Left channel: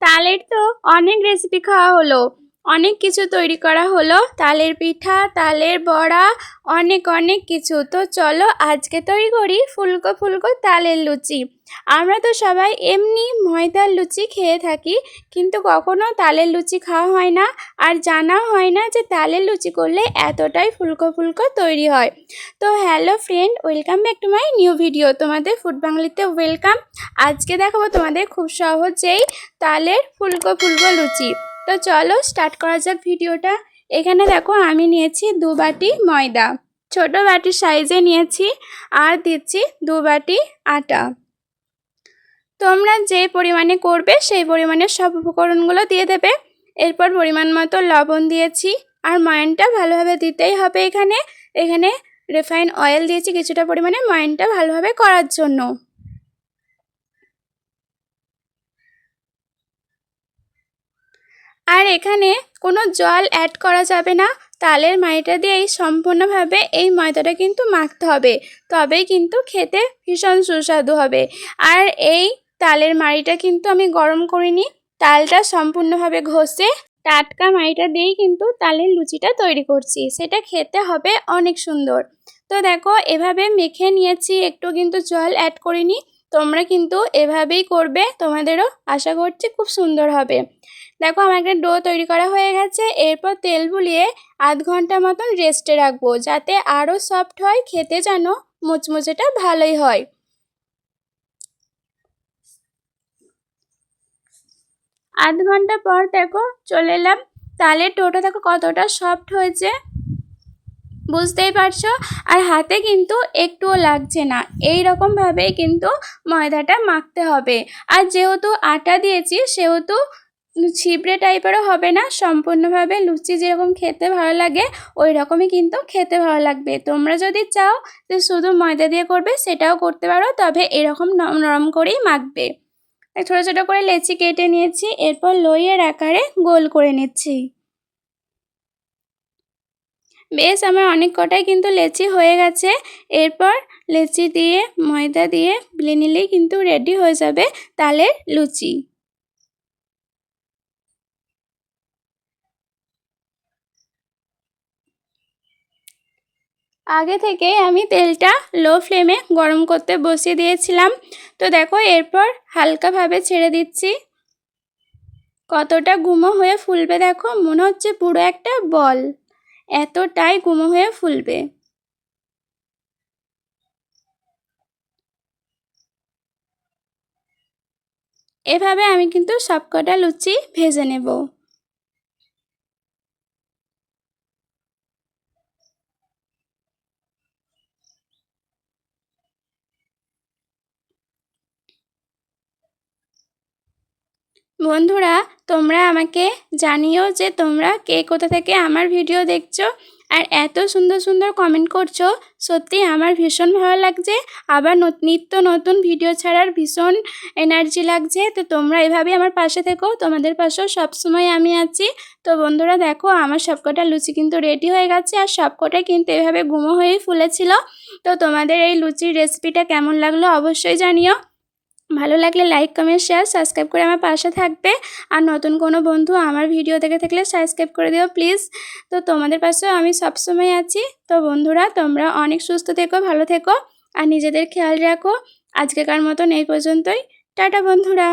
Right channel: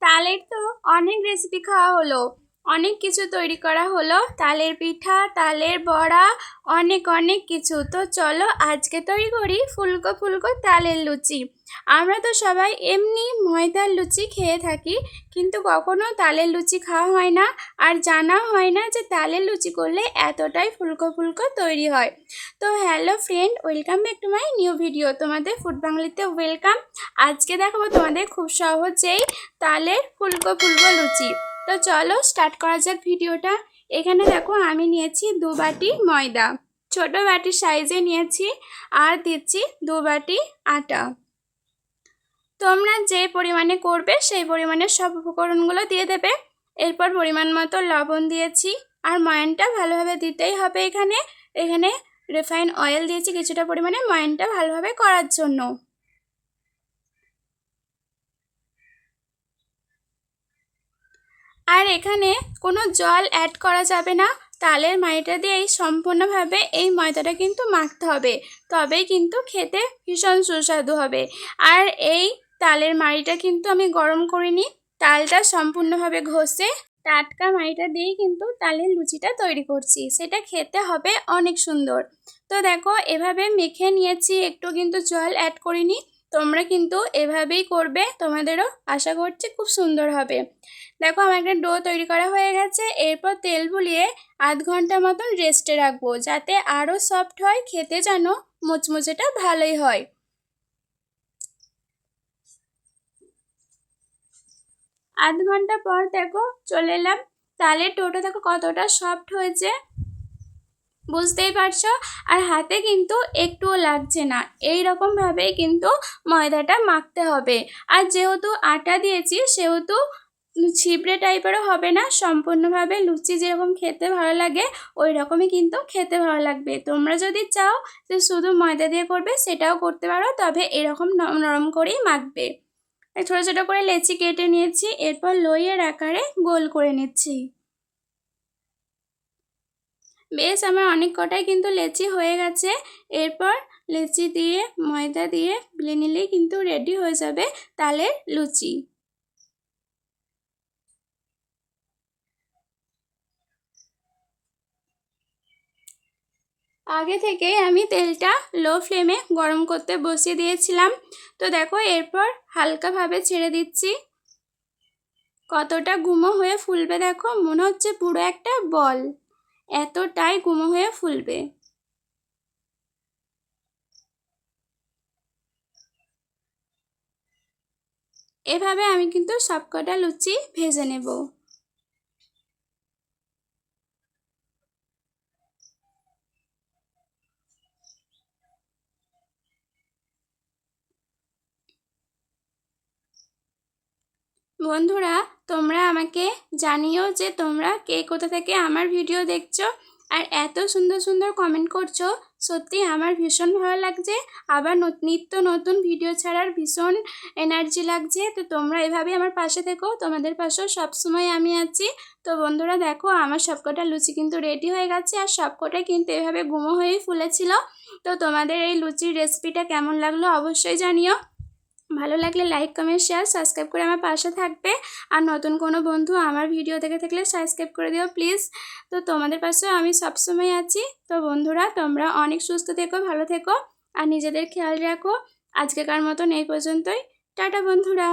তালের তো অনেক রেসিপি খাওয়া হলো, অনেক কিছু তৈরি করা হলো, তালের পিঠা, তালের বড়া, অনেক অনেক কিছু। তো চলো আজকে তৈরি করি ফুলকো ফুলকো তালের লুচি। আমরা তো সবাই এমনি ময়দার লুচি খেয়ে থাকি, কিন্তু কখনো তালের লুচি খাওয়া হয় না, আর জানা হয় না যে তালের লুচি করলে এতটাই ফুলকো ফুলকো তৈরি হয়। তো hello friend, welcome back to my new video. তোমাদের ফুড বাঙালিতে ওয়েলকাম। আজকে দেখাবো তোমাদের খুব সহজেই তালের ফুলকো ফুলকো লুচি। তো চলো স্টার্ট করা যাক ভিডিওটা। এখানে দেখো আমি নিয়েছি 2 বাটি ময়দা, ছোট বাটির সাইজে নিয়েছি, আর দিচ্ছি 2 বাটি আটা। তোমরা যে পরিমাণে করবে সেই পরিমাণে সব উপকরণগুলো দিয়ে দেবে। এরপর পরিমাণ মতো লবণ দিয়েছি, আর ময়ানটা ভালোভাবে দিতেই হবে। এখানে এখানে রিফাইন অয়েল দিয়েছি কিছুটা পরিমাণে ময়ানটা ভালোভাবে করার জন্য। আর এখানে কোনো জল অ্যাড করা যাবে না, তালের মাইটা দিয়েই সম্পূর্ণভাবে এই ময়দাটা কিন্তু মাখতে হবে, তবেই কিন্তু খেতে ভীষণ সুস্বাদু হবে। আর এই তালের মাড়িটা কিন্তু আমি গরম করিনি, তালটা সম্পূর্ণভাবে ঘষে টাটকা মাড়িটা দিয়েই কিন্তু তালের লুচিটা তৈরি করছি, সেটা খেতে হবে অনেক সুন্দর। তো দেখো এভাবে মেখে নিয়েছি, একটু কিন্তু জল অ্যাড করিনি। তোমরা কিন্তু এভাবেই করবে, তোমাদেরও আশা করছি খুব সুন্দর হবে। দেখো আমার একটা ডো তৈরি করা হয়ে গেছে। এরপর তেল বুলিয়ে আধ ঘন্টা মতন রেস্টে রাখবো, যাতে আরও সফট হয়, খেতে যেন মুচমুচেটা ভালোই হয়। আধ ঘন্টা পর দেখো চলে এলাম, তালের ডোটা দেখো কতটা সফট হয়েছে, বুঝতেই পারছো। আর হাতে কিন্তু একটুও লাগছে না, এই রকমভাবেই কিন্তু ময়দাটা মাখতে হবে। আর যেহেতু আটা দিয়েছি সেহেতু ছিবড়ে টাইপেরও হবে না, সম্পূর্ণভাবে লুচি যেরকম খেতে ভালো লাগে ওই রকমই কিন্তু খেতে ভালো লাগবে। তোমরা যদি চাও যে শুধু ময়দা দিয়ে করবে সেটাও করতে পারো, তবে এরকম নরম করেই মাখবে। ছোটো ছোটো করে লেচি কেটে নিয়েছি, এরপর লইয়ের আকারে গোল করে নিচ্ছি। বেশ আমার অনেক কটাই কিন্তু লেচি হয়ে গেছে। এরপর লেচি দিয়ে ময়দা দিয়ে বেলে নিলেই কিন্তু রেডি হয়ে যাবে তালের লুচি। আগে থেকে আমি তেলটা লো ফ্লেমে গরম করতে বসিয়ে দিয়েছিলাম। তো দেখো এরপর হালকাভাবে ছেড়ে দিচ্ছি, কতটা গুমো হয়ে ফুলবে দেখো, মনে হচ্ছে পুরো একটা বল, এতটাই গুমো হয়ে ফুলবে। এভাবে আমি কিন্তু সবকটা লুচি ভেজে নেব। বন্ধুরা তোমরা আমাকে জানিও যে তোমরা কে কোথা থেকে আমার ভিডিও দেখছো, আর এত সুন্দর সুন্দর কমেন্ট করছো, সত্যি আমার ভীষণ ভালো লাগছে। আবার নিত্য নতুন ভিডিও ছাড়ার ভীষণ এনার্জি লাগছে। তো তোমরা এভাবেই আমার পাশে থেকো, তোমাদের পাশেও সবসময় আমি আছি। তো বন্ধুরা দেখো আমার সবকটা লুচি কিন্তু রেডি হয়ে গেছে, আর সবকটাই কিন্তু এভাবে গুঁড়ো হয়েই ফুলেছিল। তো তোমাদের এই লুচির রেসিপিটা কেমন লাগলো অবশ্যই জানিও। ভালো লাগলে লাইক কমেন্ট শেয়ার সাবস্ক্রাইব করে আমার পাশে থাকবে। আর নতুন কোনো বন্ধু আমার ভিডিও দেখে থাকলে সাবস্ক্রাইব করে দিও প্লিজ। তো তোমাদের পাশেও আমি সবসময় আছি। তো বন্ধুরা তোমরা অনেক সুস্থ থেকো, ভালো থেকো, আর নিজেদের খেয়াল রাখো। আজকেকার মতন এই পর্যন্তই। টাটা বন্ধুরা।